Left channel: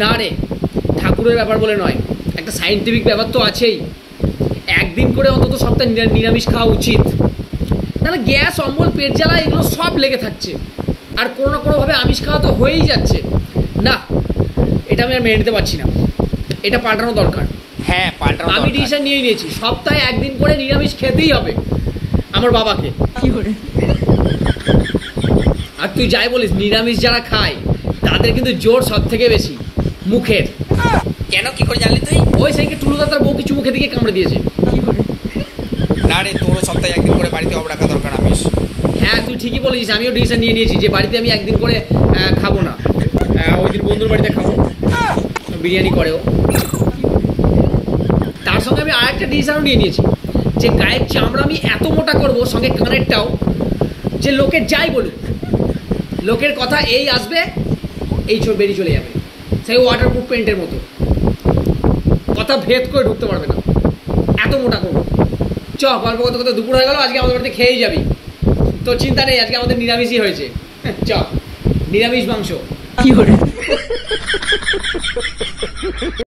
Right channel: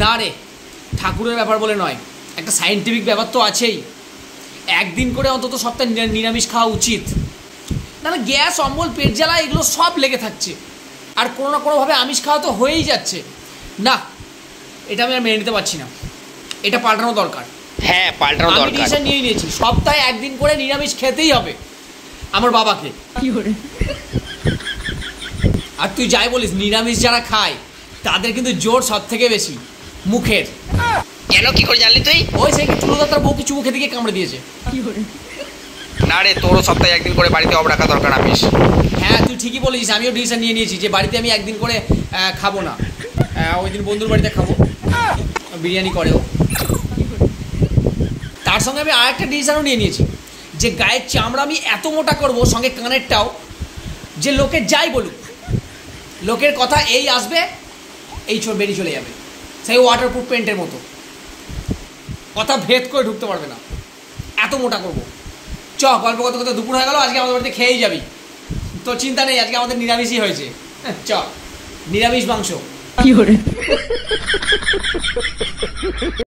না রে, ঠাকুরের ব্যাপার বলে নয়, একটা সায়েন্টিফিক ব্যাপার তো আছেই। একদিন করে অন্তত সপ্তাহে নিরামিষ খাওয়া উচিত, নাহলে গ্যাস, অম্বল, পেট জ্বালা এগুলো সব লেগে থাকছে, আর কোনো না কোনোভাবে আমিষ খাওয়া তো হয়েই যাচ্ছে। না, এটা আমি আর মেনে নিতে পারছি না, এটা পাল্টানো দরকার। হ্যাঁ, পাল্টানো দরকার। আমি ডিসিশন নিয়ে নিয়েছি, সপ্তাহে একদিন করে নিরামিষ খেতেই হবে আমার বাবাকে। কি করে? আর তুই যাই বলিস, নিরামিষ যারা খায় তাদের কিন্তু জোর সব থেকে বেশি মুখের। কেন, কি করে জানলি তুই? ওই সেইকে টুলুদা তার বউ কিছু মুখে দিকে কামড়ে দিয়েছে। কি করে? না রে, তোরও সপ্তাহে একদিন করে বাড়িতে অব রাখা দরকার আমিষ। হ্যাঁ, তুই ঠিকই বলেছিস, আমিও ডিসিশন নিয়ে নিয়েছি যে বাড়িতে আমি একদিন করে খাবো না। ওই দিন বন্ধুর বাড়িতে খাবো, বিরিয়ানি করেও। তার সঙ্গে আমি আরেকটা ডিসিশনও নিয়ে নিয়েছি যে গায়ের চামড়া আমি এত মোটা করবো, সঙ্গে কানেরটাও, যে লোকে যাই বলুক, লোকের কথা এই আসবে, এই বেরিয়ে চলে যাবে, সেই ওয়াটারপ্রুফ পেন্টের মতো, কথা ভেদ করে ঢুকতে পারবে না, এত মোটা করবো। চ, গল্প করতে করতে দুপুর হয়ে গেল, আজকে আমাদের বাড়িতে খেয়েই যাবি, তো চিন্তা নেই, আজকে আমাদের নিরামিষই হয়েছে। চ, নিরামিষ মাংস। কি করে?